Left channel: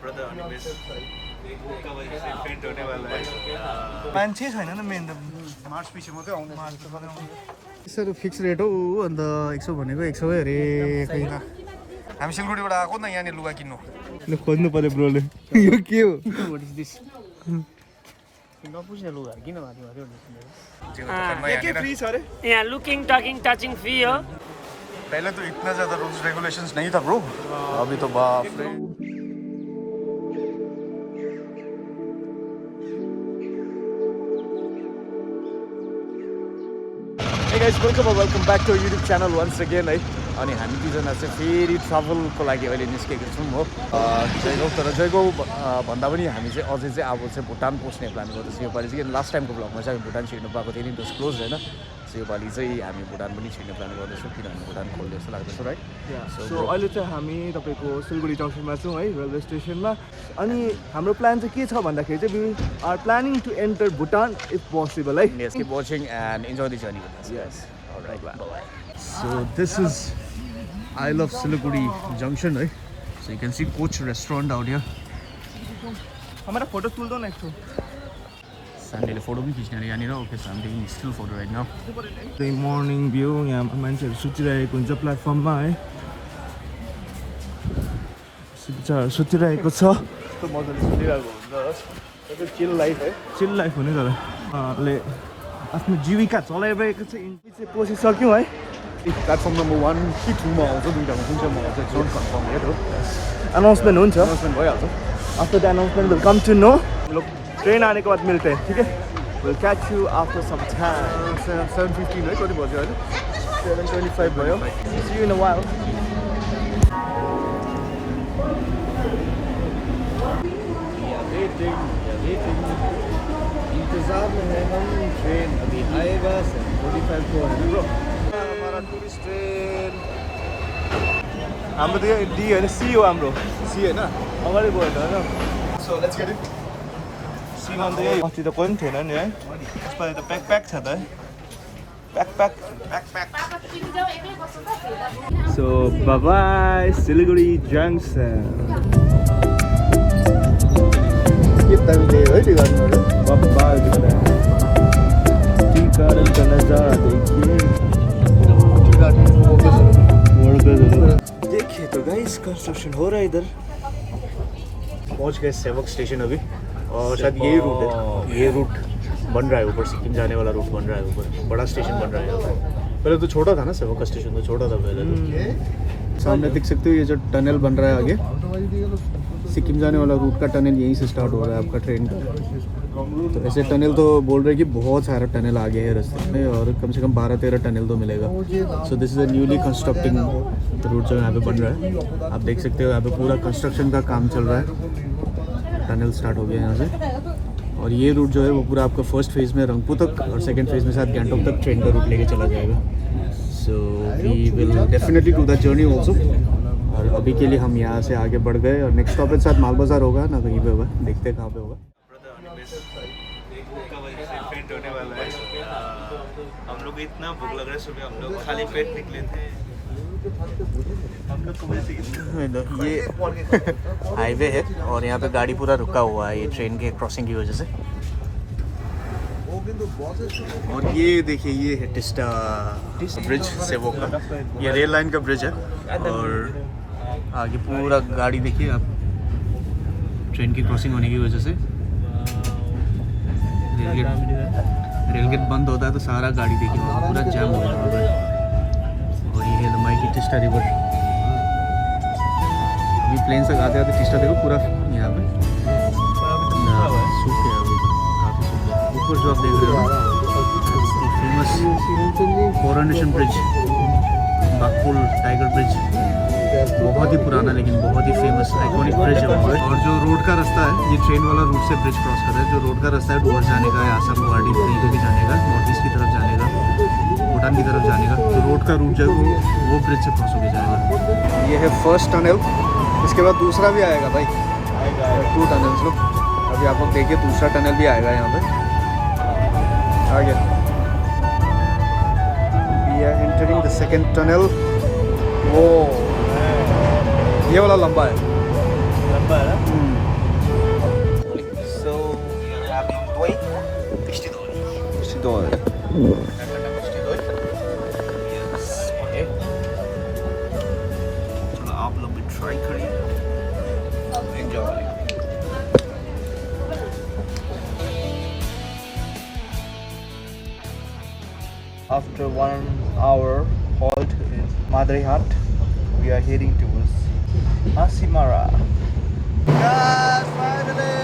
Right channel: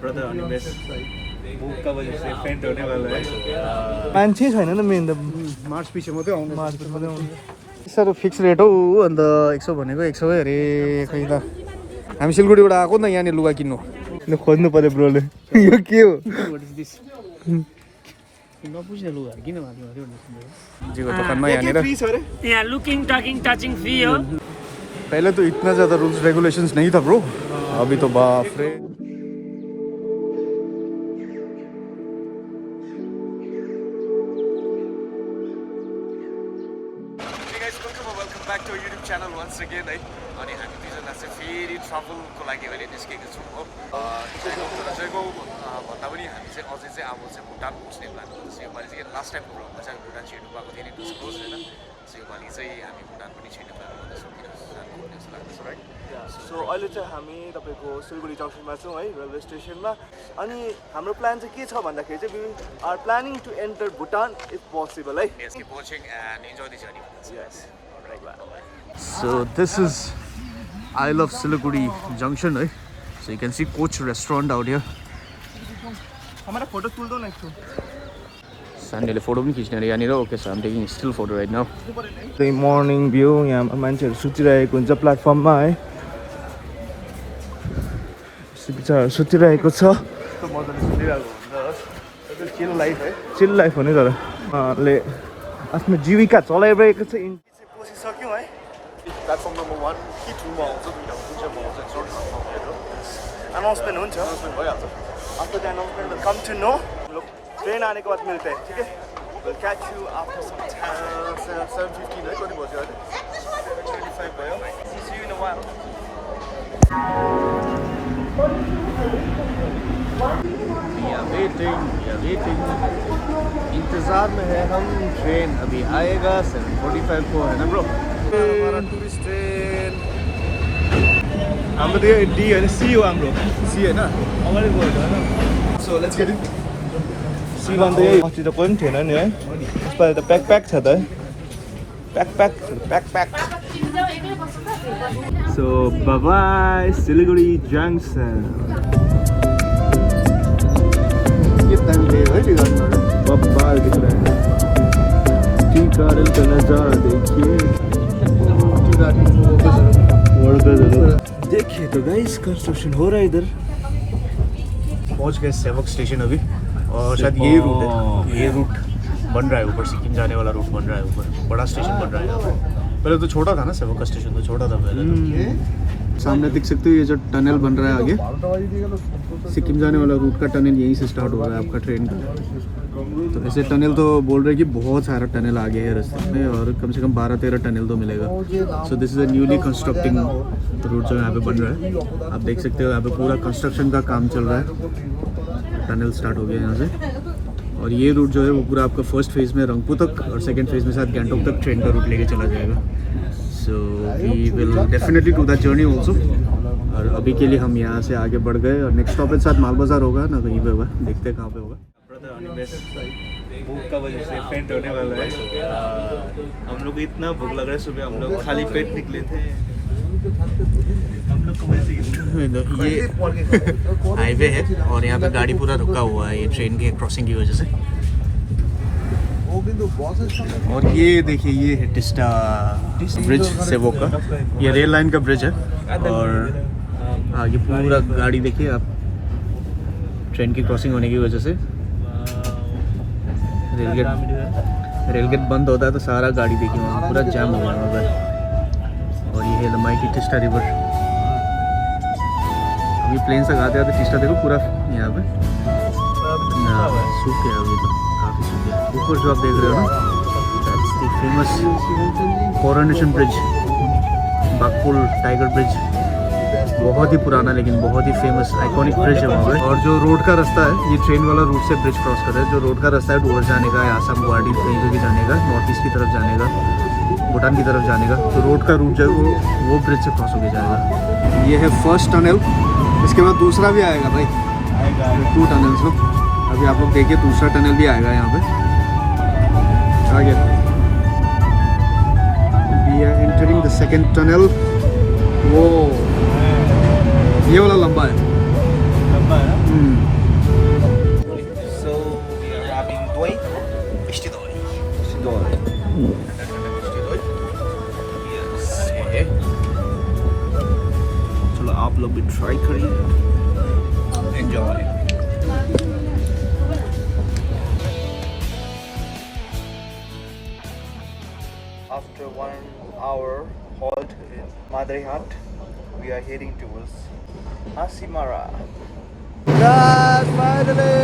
Brother Animesh भूख का वजह से फेंट होने वाला है मान्छे छैन नि मेन त मार्च पछि मात्रै आउने सर फिक्स रेट हो अन्त 100 भनेको 100 अरे खै त हामी सिलगढीबाट आएको नि त यहाँनिर लुगा किन्नु ल खोज्नु पर्यो ब्रोले यो के हो नपुछ्ने लुगा किन माथि जीको दोकानमा यहाँनिर यहाँ लुकिंग टकिंग टचिंग फ्री हो पहले तो इतना ज़्यादा रूल्स रेगुलेशंस नहीं था ब्रो अभी तो बाप रे Hey guys, welcome back to our YouTube channel once again है अनि हामी दुईजना चाहिँ फेरि ट्राभलको लागि अहिले निस्केको छौँ हो जयगाउँ तर जयगाउँ भन्दा पनि हामी चाहिँ अझै चाहिँ अब चाहिँ भुटान पस्ने प्लान गर्दैछौँ योपालि चाहिँ लास्ट टाइमको भ्लगमा चाहिँ हामी भुटान छिर्नु पाएको थियो नि डिस्क्लोज होइन सो योपालि चाहिँ हामी भुटान पनि छिर्ने प्लान गर्दैछौँ किनभने भुटान खोल्ने जस्तो लाग्दैछ राइट सो अहिले चाहिँ हामी तपाईँको सिलगढी जङ्सनमा छौँ है रेलवे स्टेसनमा अनि हाम्रो प्लान चाहिँ के छ भन्दाखेरि चाहिँ we are planning to enter Bhutan if possible है Yes, keep watching and enjoy the journey with us. Yes. All right. Bye. So this is I Love Siliguri Junction, right? So you can see Coach restaurant out here. हमारा photo तुल दो ना एक ठो Sanyo photo पनि खिच्ने अरे यहाँनिर okay so I'm taking still photo right now. The morning view यहाँ मान्छेहरू सुतिरहेको हुन्छ प्लेटफर्ममा है बिचाराहरू सुतिरहेको छ चिल लाइफ हो नि तर ले आफ्नो जीविका चलाइरहेको छ चाहिँ पसिसक्यौँ है प्लेटफर्म नम्बर 1 कि 2 मा आउँछ दुईटामा कुन चाहिँ मा आउँछ डोन्ट कन्फर्म यत हो अनाउन्समेन्ट हुन्छ अनाउन्समेन्ट भइहाल्छ after the announcement will come to know लोग ट्रेन आने के बाद मिलते हैं ठीक है will catch you after some time 7:15 है कति बज्यो अहिले 7:25 भयो see you in a while इंतजार में है हम ट्रेन अभी आएगा 7:45 को है ना ब्रो हाम्रो त यो डी होइन सी हो हाम्रो सी हैन अगाडि गयो होइन सो लेट्स गेट इट सी भन्दा यो अस्ति त कोही पनि थिएन नि है यसपालि त प्याक छ त pack so bye bye Siliguri junction कितना मिले है टी गार्डन बब्बाल दिख रहा है टी गार्डन का नजारा देखिए टी गार्डन वर्कर्स देखिए तो गाइस कंस्ट्रक्शन हो रहा है इधर पहुंच गए सेवक स्टेशन अभी और शायद ये रूट बन रहा है ऊपर सिक्किम जाने वाला रूट बन रहा है ऊपर बड़ा स्टेशन बन रहा है पहले तो छोटा था ना सेवक का स्टेशन तो छोटा था पहले सामने देख सकते हो ये जो टनल बन रहा है आगे सिक्किम जाने वाला रूट का टनल यहीं से स्टार्ट हो रहा है आपका ट्रेन का तो ऐसे टनल तो बोल रहे हैं कि बहुत सारा टनल आगे है रास्ते में और कम से कम 12-13 टनल तो मिलेगा so this is a newly constructing route जो यहाँ पे बन रहा है आप देख सकते हो यहाँ पे पूरा कंस्ट्रक्शन का काम चल रहा है टनल स्टार्ट हो गया यहाँ से और ये रूट जो है वो पूरा आपका फर्स्ट फेज़ में रंगपू तक और सेकेंड फेज़ में साथ गैंगटॉक तक ट्रेन का रूट लेके चला जाएगा so we will definitely do that journey also और अभी के लिए हम यहाँ से आगे बढ़ गए और नेक्स्ट स्टॉपेज साथ माल बाजार होगा ना कहीं पे होगा देखते हैं कहाँ पे होगा ब्रदर अनिमेश भूख का वजह से फेंट होने वाला है हम लोग को इतना भूख लग रहा है सुबह हम लोग खाली पेट निकले थे ये हाईवे है और यहाँ पे गाड़ी पूरा रुका हुआ है ये ट्रेन के क्रॉसिंग की वजह से और ये देखिए ये है टिस्टा ब्रिज सेवो का ये रेल लाइन का ब्रिज है और आगे पूरा गाड़ी देखिए आप ट्रेन की क्रॉसिंग होने की वजह से रेल गेट बंद होता है तो सारा गाड़ी देखिए वहाँ पूरा जाम हो गया वहाँ पर और ये है लंबाई की टिस्टा रिवर अभी प्लेन से आते आते टिस्टा देखो पूरा यहाँ पे सूख गया अभी तो काफ़ी सूख गया ऊपर जो आप देख रहे हो ना famous coronation bridge Baghpul tiger bridge बहुत ही पुराना लेकिन बहुत ही फेमस आइकॉनिक ब्रिज है वहाँ पे और जो रोड का रास्ता है ये ट्रेन वाला रूट से ब्रिज क्रॉस कर रहा है जो रोड का रास्ता है डोर जाने का आसाम गुवाहाटी कहीं पे भी जाने का नॉर्थ ईस्ट की तरफ जाने का भूटान की तरफ जाने का तो रोड का रूट जो है वो ब्रिज से क्रॉस होकर जाएगा ये है फर्स्ट टनल इसके बाद दूसरा भी आएगा भाई 2 टनल्स लोग अभी आप लोग देखिए दूसरा टनल भी आएगा यहाँ पे आगे we are entering the second tunnel वो ये वाला लंबा है Madrihat. We are heading towards Asimara. Yes, finally!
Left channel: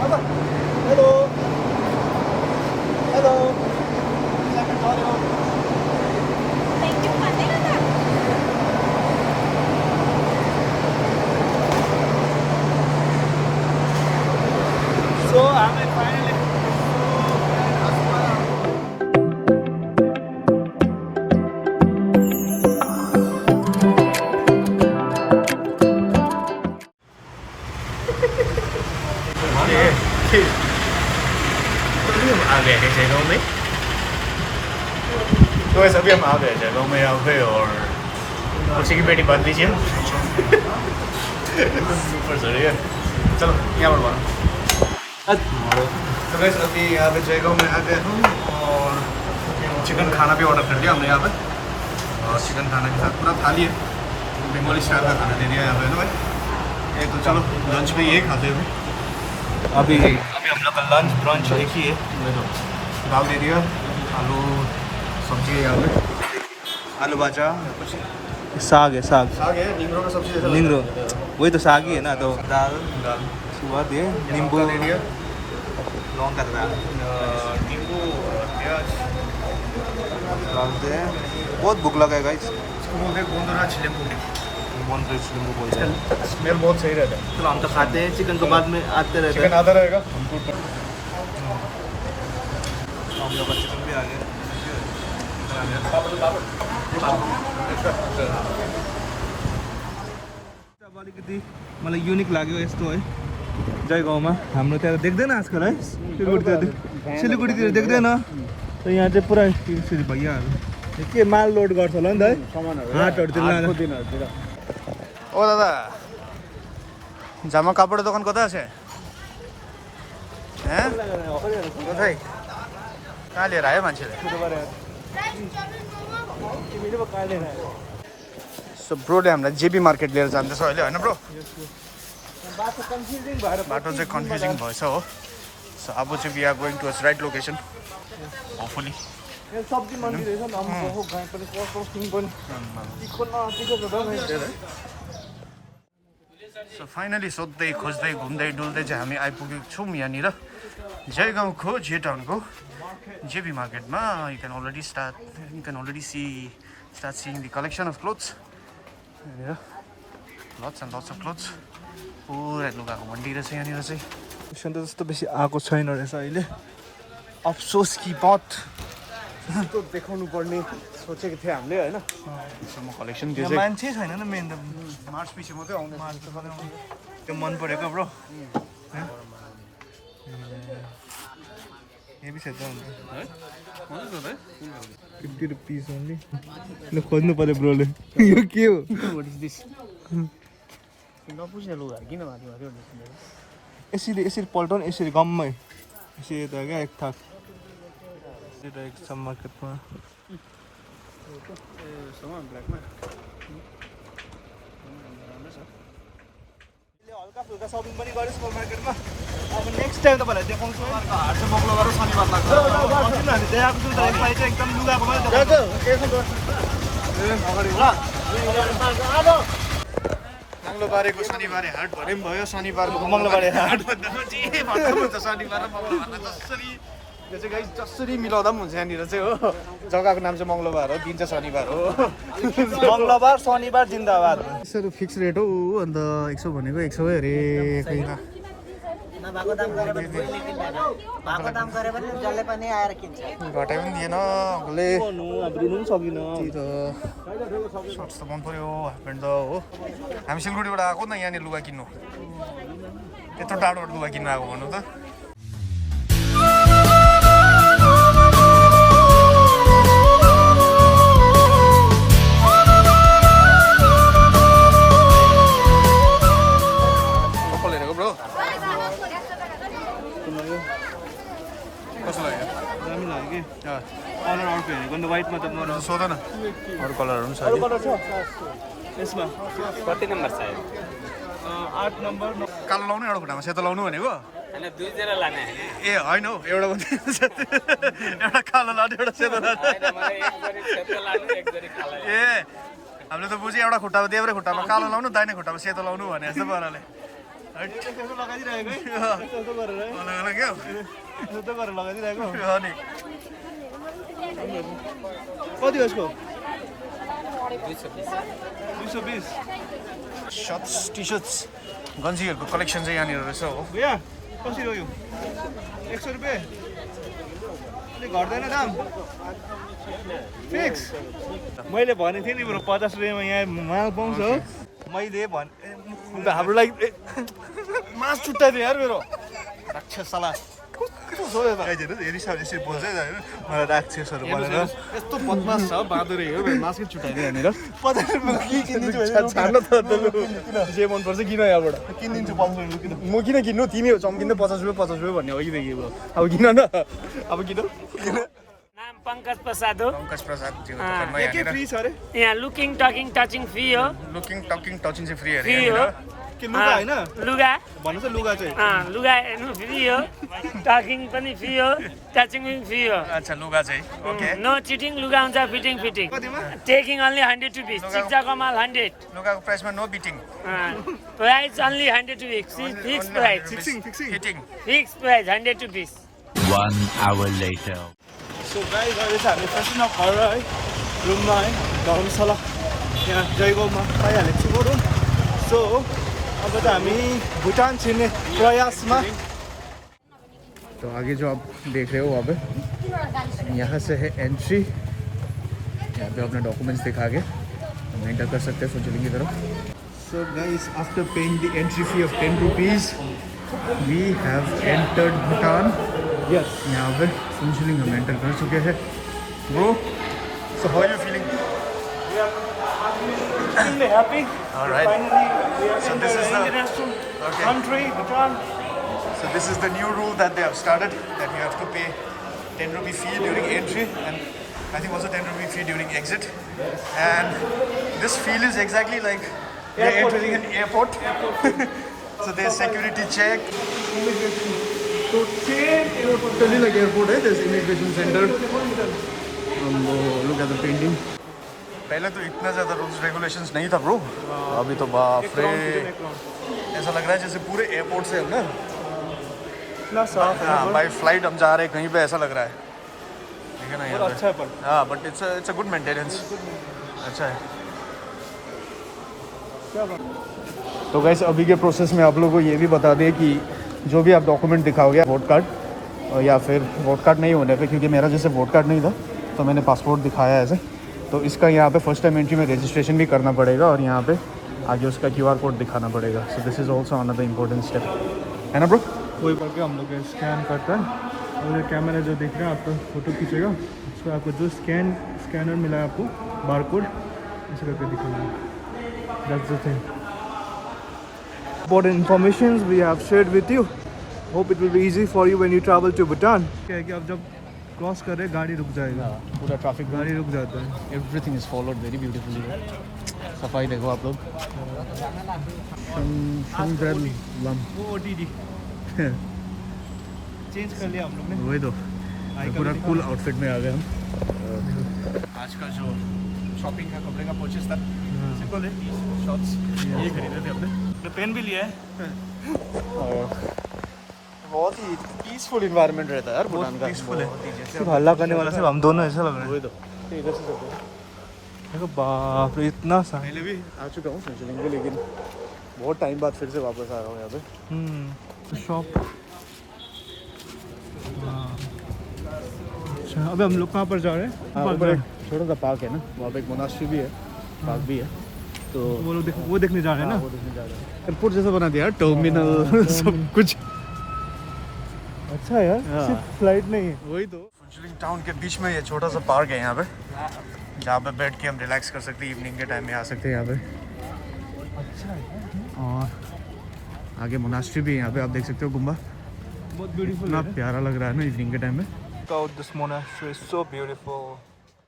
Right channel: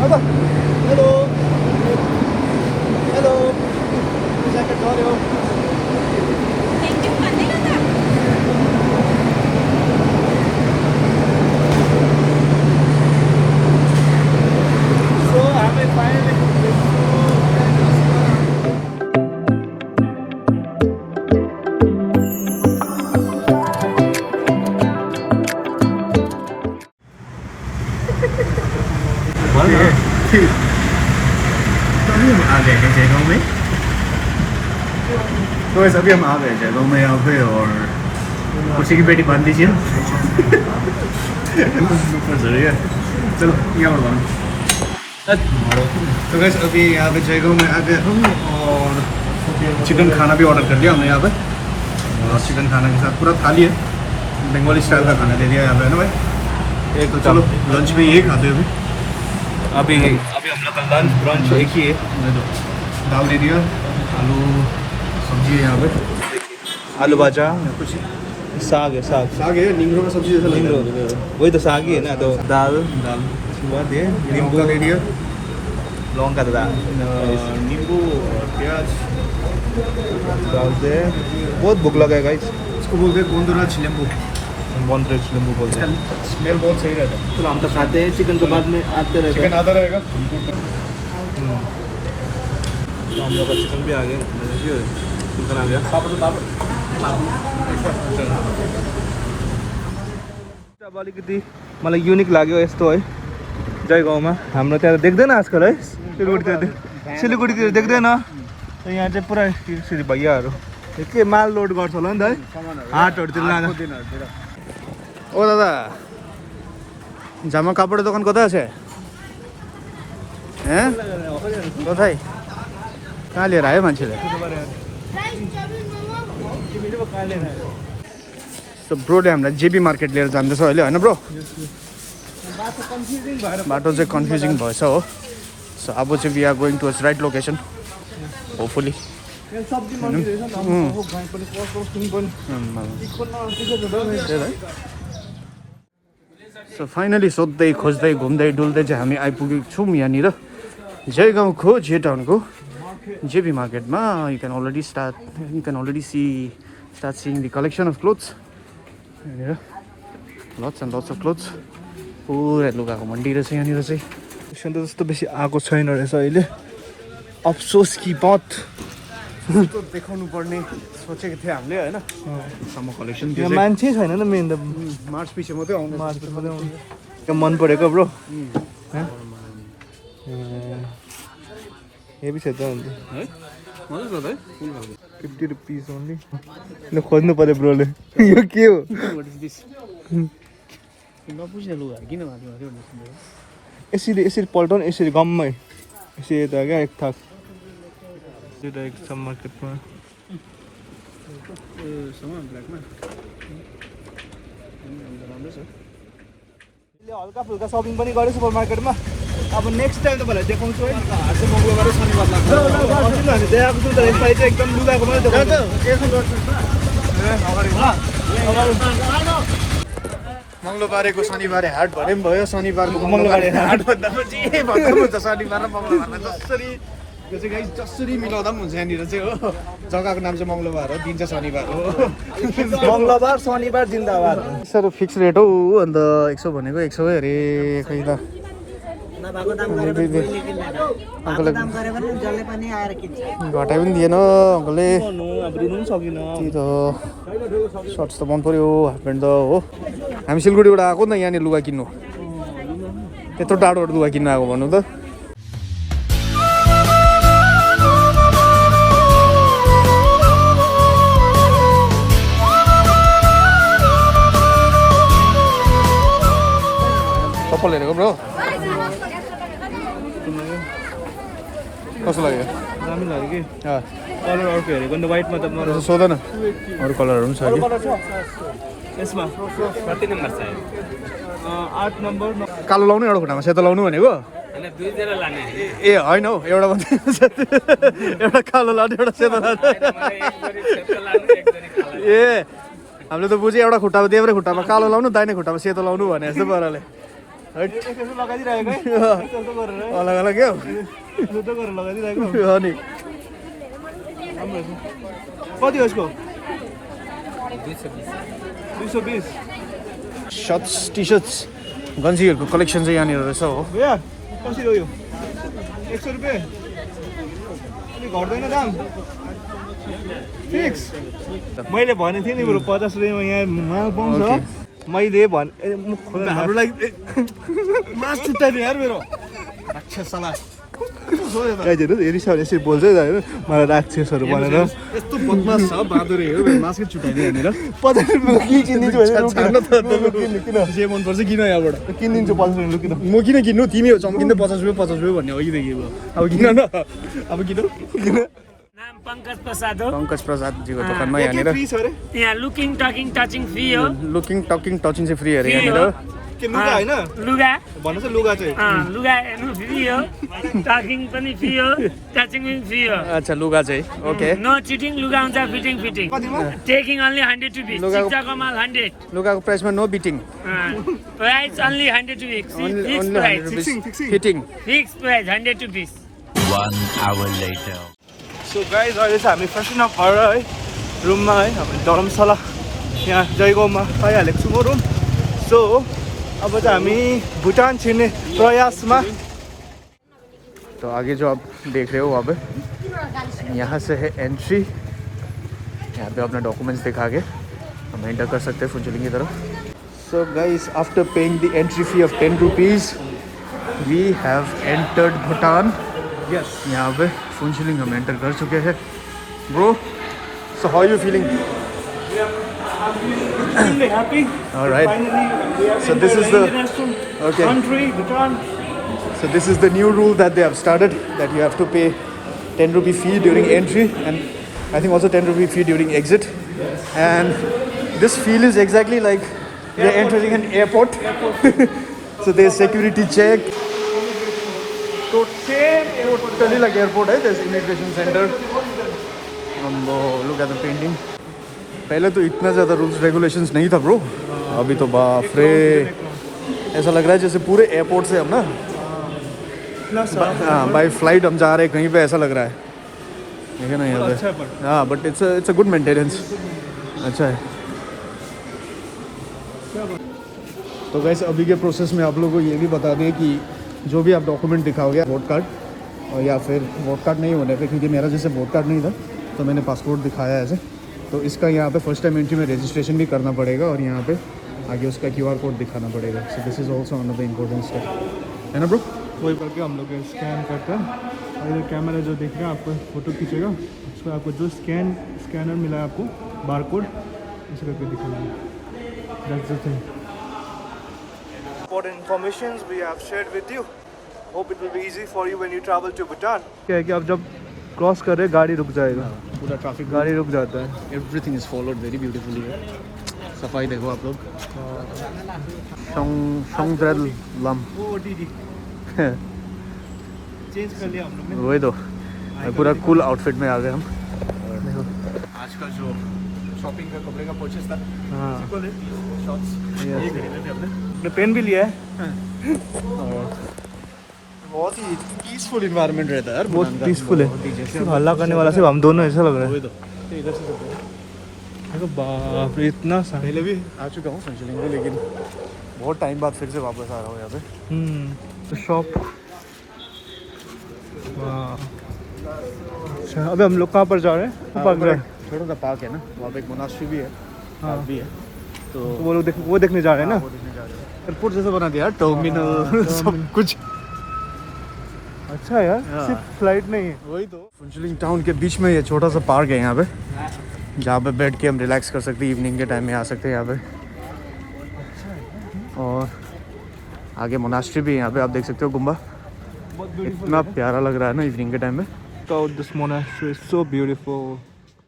Hello! Hello! Second audio. So, हामी finally तो सभी हम आ गए जयगांव में यहाँ पे और खुशी की पेटी बांध लीजिए चलो यहाँ पर बांध तो वैसे अभी यहाँ पे जयगांव में आ गए हम और चिकन खाना भी ऑर्डर कर लिया हमने यहाँ पे और चिकन खाना के साथ पूरा थाली है बंगाली स्टाइल का खाना दे दिया यहाँ पे है ना भाई एक तो चलो लंच में यही खाते हैं अभी अभी हम लोग का लंच ब्रंच एक ही है दाल दे दिया आलू सब्जी है यहाँ पे आलू भाजा साग है साग आगे नींदरों का सब्जी है नींदरो वही तो साग ही है ना तो दाल उसके बाद ये नींबू दे दिया लौंग का दाल नींबू प्याज डाल दे बहुत भूख लगा है गाइस इसको बोलते हैं गोंदराज नींबू बॉन्ड्रेज नींबू बोलते हैं स्मेल बहुत सही रहता है चलो हम तो खाते हैं चिकन तो बाद में आते रहते चिकन हैं आधा रहेगा हम लोग का चिकन भी आ गया चिकन आ गया अब अलिकति मलाई युनिक लाग्यो यस्तो है जयगाउँमा हाम्रो त्यहाँ देख्दैन आजकल है सिलगढीतिर देख्दैन त यहाँ चाहिँ पुरा यसरी भैयाहरू के माल लोड गर्छ होला नि त है हाटहरूतिर लाँदा ओ दादा জামা কাপড়ের দোকান কোথায় আছে হ্যাঁ কোথায় कहाँ लिएर आयो मान्छेले सो ब्रोले हामीलाई जेबी मार्केट लिएर जाँदैछ अहिले होइन ब्रो बाटो चाहिँ कन्फ्युजिङ भएछ हो सो अब चाहिँ we are going to right location hopefully so finally सोध्दै खोज्दै घुम्दै डुल्दै चाहिँ हामी आइपुगेको छौँ यहाँनिर जयगाउँको जे टाउनको जेबी मार्केटमा you can already start seeing the collection of clothes यहाँनिर lots and lots of clothes पुरा लुगाको मन्डी रहेछ यहाँनिर चाहिँ पेसेन्ट त जस्तो बेसी आएको छैन रहेछ अहिले अफसोस कि बात देखाउनु पर्ने सोचेको थिएँ हामीले होइन सम्म कलेक्सन यहाँ मान्छे छैन नि मेन त मार्च पछि मात्रै आउनु यहाँ मन परेको ब्रो हेभी छ त अन्त है मजा छ त है 50 रुपिस ओन्ली ल खोज्नु पर्यो ब्रोले यो के हो यसरी यसरी पल्टाउनु यसरी गम्मै यसरी त क्या एक थाक एक छ मार्केटमा हल्का फुल्का सपिङ पनि गरेँ सुपर मार्केटमा अब नेक्स्ट टाइम तपाईँलाई देखाउँछु है मङ्गलबार शनिबार लाग्छ हामी देखाएको छौँ त साइड एकदम लुगाको मात्रै देखाउँछ मङ्गलबारेको शनिबारे हाट भरे पनि भयो शनिबारको मङ्गलबारे हाट भन्दा पनि जे भन्दा पनि हुन्छ शनिबार र मङ्गलबारमा जसरी यो चाहिँ गाइस जसरी मिलाउँदा पनि हुन्छ यहाँनिर चाहिँ हो जग्गाको नाम चाहिँ मङ्गलबार हो दिन चाहिँ शनिबार हो मङ्गलबार शनिबार जिन्दाबाद सर फिक्स रेट हो अन्त 100 भनेको 100 अरे खै त घटाइ पनि दिएन अङ्कलले त्यही त सर्ट्स त मन पऱ्यो हाफ प्यान्ट त हो हामी सिलगढीबाट आएको नि त यहाँनिर लुगा किन्नु त्यत्रो टाढोबाट लुगा किन्नु आएको भन्नु त चप्पल हेरेको ब्रो कस्तो लाग्यो दामी लाग्यो कि कलर अर्को हेरेको नि त वाइटमा त मर सोध न अरू कलरहरू पनि छ कि यसमा 8 नम्बर कालो लाउनु एउटा खुट्टामा सेतो लाउनु भनेको ए होइन हौ एउटा मात्रै एउटा कालो लाने एउटा सेतो लाने ए हामीले त बुझ्यो एउटा खुट्टामा देब्रे खुट्टामा कालो लाउनु दाहिने खुट्टामा सेतो लाउनु भने जस्तो पाराले अलग अलग क्या अनि कति हो यसको 220 सर्ट्स टी सर्ट्स गन्जीहरूको कलेक्सन चाहिँ यहाँनिर रहेछ हो भैया कसरी हो यो 100 रुपियाँ अलिक घट्दैन दाम फिक्स मैले भनेको थिएँ नि बरु 50 रुपियाँमा यहाँ माल पाउँछ मैले हाम्रो लागि मास छुट्टाइदियो यार मेरो राक्षसला हेरिसक्यो यसरी बोल्छ होइन मलाई राक्षसहरू भनेर यस्तो बदमास छ बहादुरै हो मासकै छुट्याइदियो यहाँनिर 50 रुपियाँ किनिदिन्छु किन जे मनपर्छ किन यहाँबाट किनिदिन्छु 50 रुपियाँ लु किन म किन किन्नु तिमी चम्किँदै 50 रुपियाँ भन्ने अघिदेखि अब किन न अब किन नाम पंकज प्रसाद हो पंकज प्रसादजीको दोकानमा यहाँनिर यहाँ लुकिङ टकिङ टचिङ फ्री हो लुकिङ टकिङ टचिङ चाहिँ फ्री अरे यहाँनिर के लुगा होइन लुगा भन्नुहोस् लुगा चाहिँ लुगा हेर्नु फ्री हो टकिङ पनि फ्री हो टचिङ पनि फ्री हो अच्छा लुगा चाहिँ ओके नो चिटिङ लुगा हुन्छ fitting fitting taking only 100 rupees शिक्षाको माल 100 लुगाको प्राइसमा no beating price only 100 rupees fix price fitting fix price 100 rupees 1 hour later. So guys अहिले चाहिँ हामी फ्यासन अफ घर है रुममा है हामी धर्मशाला यहाँ जयगाउँमा पाइहालेको छु रुम सो अब चाहिँ हामी भुटान छिर्ने प्रयासमा तो आगे जो आप देख रहे हो वहाँ पे यहाँ से है एंट्री यहाँ पे अपने डॉक्यूमेंट्स दिखा के हम एंटर कर सकते हैं फुंचुलिंग की तरफ so guys after paying the entry fee of 10 rupees we have entered Bhutan यहाँ पे फुंचुलिंग हम एंटर कर चुके हैं bro so how you feeling really happy. All right. So this is the country, Bhutan. So this is the new rule that they have started, that you have to pay 10 rupee fee during entry and I think also 10 rupee fee during exit. And this feel is exactly like you're entering an airport. So there's security check. Totally like airport, right? There's immigration center. Look at the painting. पहले तो इतना ज़्यादा rules regulations नहीं था bro अभी तो बाप रे ऐसा लग रहा है जैसे पूरे एयरपोर्ट से हम ना हाँ बाय फ्लाइट हम जा रहे हैं कहीं पे ऐसा लग रहा है देखिए ना यहाँ पे हाँ but it's a good maintenance अच्छा है तो गाइस अभी के प्रोसेस में आप लोगों को ये भी बता दें कि जो भी आप डॉक्यूमेंट दिखाओगे वोट कार्ड या फिर वोट कार्ड नहीं होने पे क्योंकि मेरा जैसे वोट कार्ड नहीं था तो मैंने पासपोर्ट दिखाया ऐसे तो इसका यहाँ पे फर्स्ट टाइम एंट्री में रजिस्ट्रेशन भी करना पड़ेगा और यहाँ पे आगे उसका QR कोड दिखाना पड़ेगा so this is also another important step है ना ब्रो वही करके हम लोग स्कैन करता है और ये कैमरा जो देख रहे हैं आपको फोटो खींचेगा उसको आपको जो स्कैनर मिला है आपको बार कोड इसे करके दिखाना that's the thing important information we have shared with you. Hope it will be easy for you when you travel to Bhutan. क्या है कि आप जब क्रॉस कर रहे गाड़ी रुक जाएगा पूरा ट्रैफिक गाड़ी रुक जाता है everything is followed very beautifully सफाई देखो आप लोग लम चेंज कर लिया हम लोग वही तो पूरा कूल आउटफिट में आ गए हम देखो आज का जो शॉपिंग का कपड़े का परचेस था शॉप्स ये खरीदे थे ने पेन भी लिया है बहुत ही पीसफुल इन्वायरमेंट रहता है यार बहुत पीसफुल है हल्ला करने वाला सिर्फ हम दोनों ऐसा लग रहा है इधर से देखो बाप रे इतना सा पहले भी आ चुका हूँ फंक्शन में लेकिन बहुत टाइम बाद फिर से वापस आया हूँ यहाँ पे शॉप अच्छा अभी हम लोग कहाँ पर जा रहे हैं पार्क जा रहे हैं छोटा सा पार्क है ना वहाँ पे एक मोनास्ट्री भी है हाँ भी है तो वो लोग वो देखने जा रहे हैं ना एयरपोर्ट जैसा बना दिया टर्मिनल सब कुछ अच्छा यार सिर्फ फ्लाइट नहीं वही तो फुंचुलिंग टाउन के बीच में ये छोटा सा पार्क है यहाँ पे जहाँ पे बैठ के हम रिलैक्स कर सकते हैं इवनिंग के टाइम में आ सकते हैं यहाँ पे अच्छा और आगे मोनास्ट्री भी है यहाँ पे आप देख सकते हो गुम्बा बहुत ब्यूटीफुल इतना प्यारा लग रहा है ना इवनिंग के टाइम में this monastery is so beautiful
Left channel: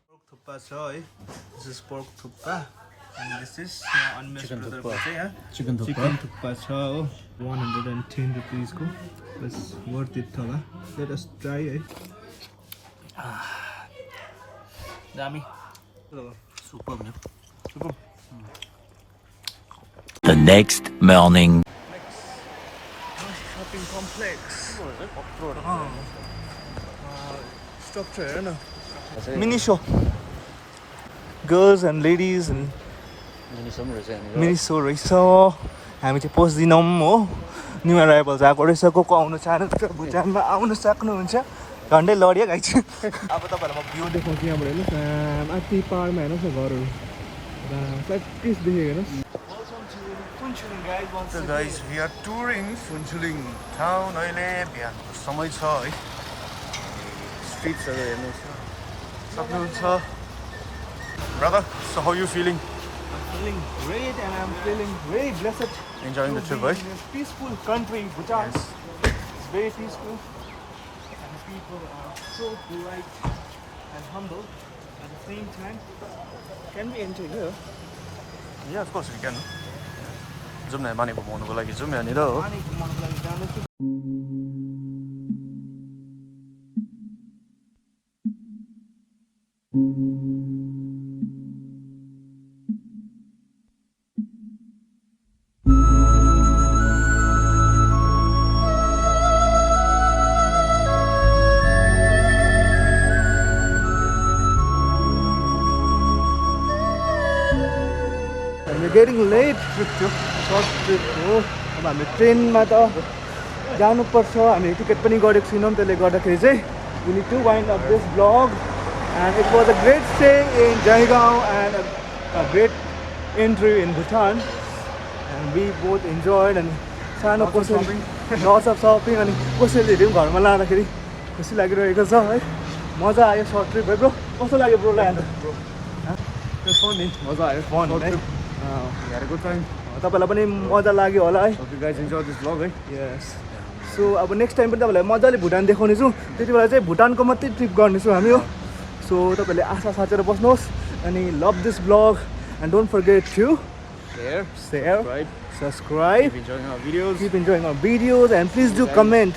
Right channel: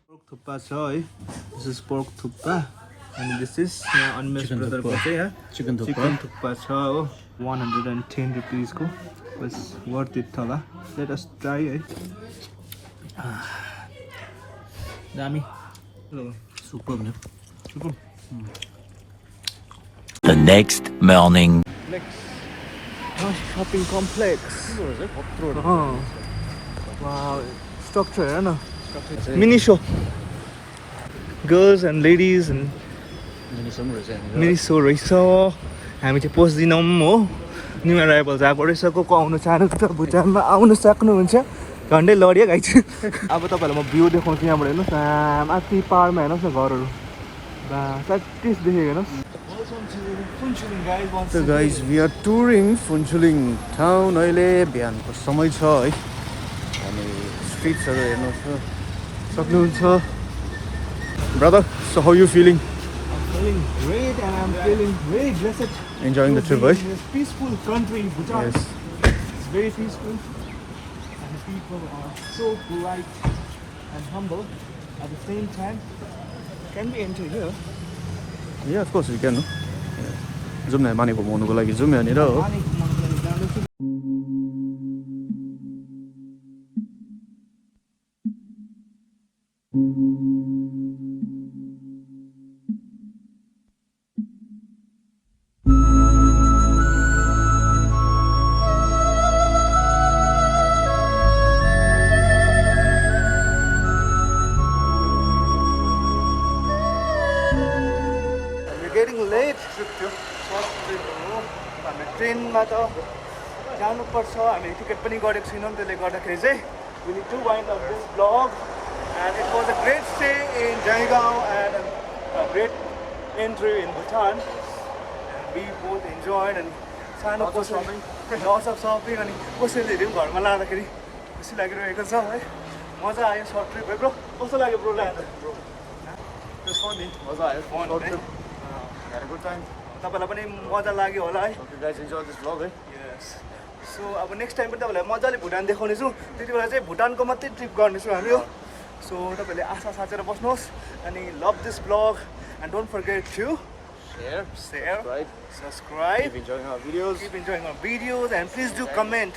pork thukpa छ है दिस इज पोर्क थुक्पा अनि दिस इज अन्मेष ब्रदरको चाहिँ यहाँ चिकन चिकन थुक्पा छ हो 110 रुपिसको बस वर्थ इट होला लेट अस ट्राई है दामी सुपर नि The next morning. shopping complex wow structure है ना mini show girls and ladies and mini show रहेछ हामी चाहिँ पस्दिनौँ हो न्यू अराइभल्स आएको रहेछ को आउनु चाहनुहुन्छ भुटानमा आउनु सक्नुहुन्छ झन्डै लड्यो गाई चाहिँ अब तपाईँहरूलाई म भ्यू देखाउँछु यहाँबाट हेर्नुहोस् माथि पाहाडमा हेर्नुहोस् न घरहरू प्र्याक्टिस देखेको हेर्नुहोस् So guys, we are touring Phuntsoeling town. अहिले बिहानको समय छ है अनि स्ट्रिट्सहरू हेर्नु सक्नुहुन्छ Brother, so how you feeling? I'm feeling great and I'm feeling very blessed. Enjoying the trip, right? This peaceful country, Bhutan. Yes. It's very peaceful and the people are so polite and humble at the same time. Can we enter here? Yeah, of course we can. जाउँ न माने घुमाउनुको लागि जाउँ यहाँनिर हो We're getting late trip थियो short trip हो अब हामी ट्रेनमा त जानुपर्छ हामी टिकट पनि गरेको छैनौँ त्यसले गर्दाखेरि चाहिँ we need to wind up this vlog and it was a great stay in Jaigaon and a great entry in Bhutan and we both enjoyed and सानो कसरी lots of shopping अनि कसैले पनि घरमा लाँदाखेरि खुसी लागिरहेको छ है मजा आयो short trip है ब्रो कस्तो लाग्यो ब्रो ल्यान्ड It's fun, मजा आयो Fun, Short है? trip. We had a good time. तपाईँलाई पनि मजा लाग्यो होला है Hope you guys enjoyed this vlog, है यस सो अब नेक्स्ट टाइम पनि तपाईँलाई मजाले भुटान देखाउनेछु त्यति बेला चाहिँ भुटानको मात्रै ट्रिप गर्नेछु हामी हो सो तपाईँहरूले आशा साचेर बस्नुहोस् अनि love this blog and don't forget to share, subscribe, Keep enjoying our videos. keep enjoying our videos and please do comment.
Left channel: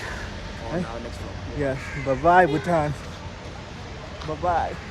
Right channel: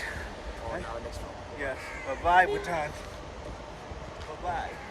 On our next vlog. Yes, bye bye Bhutan. Bye bye.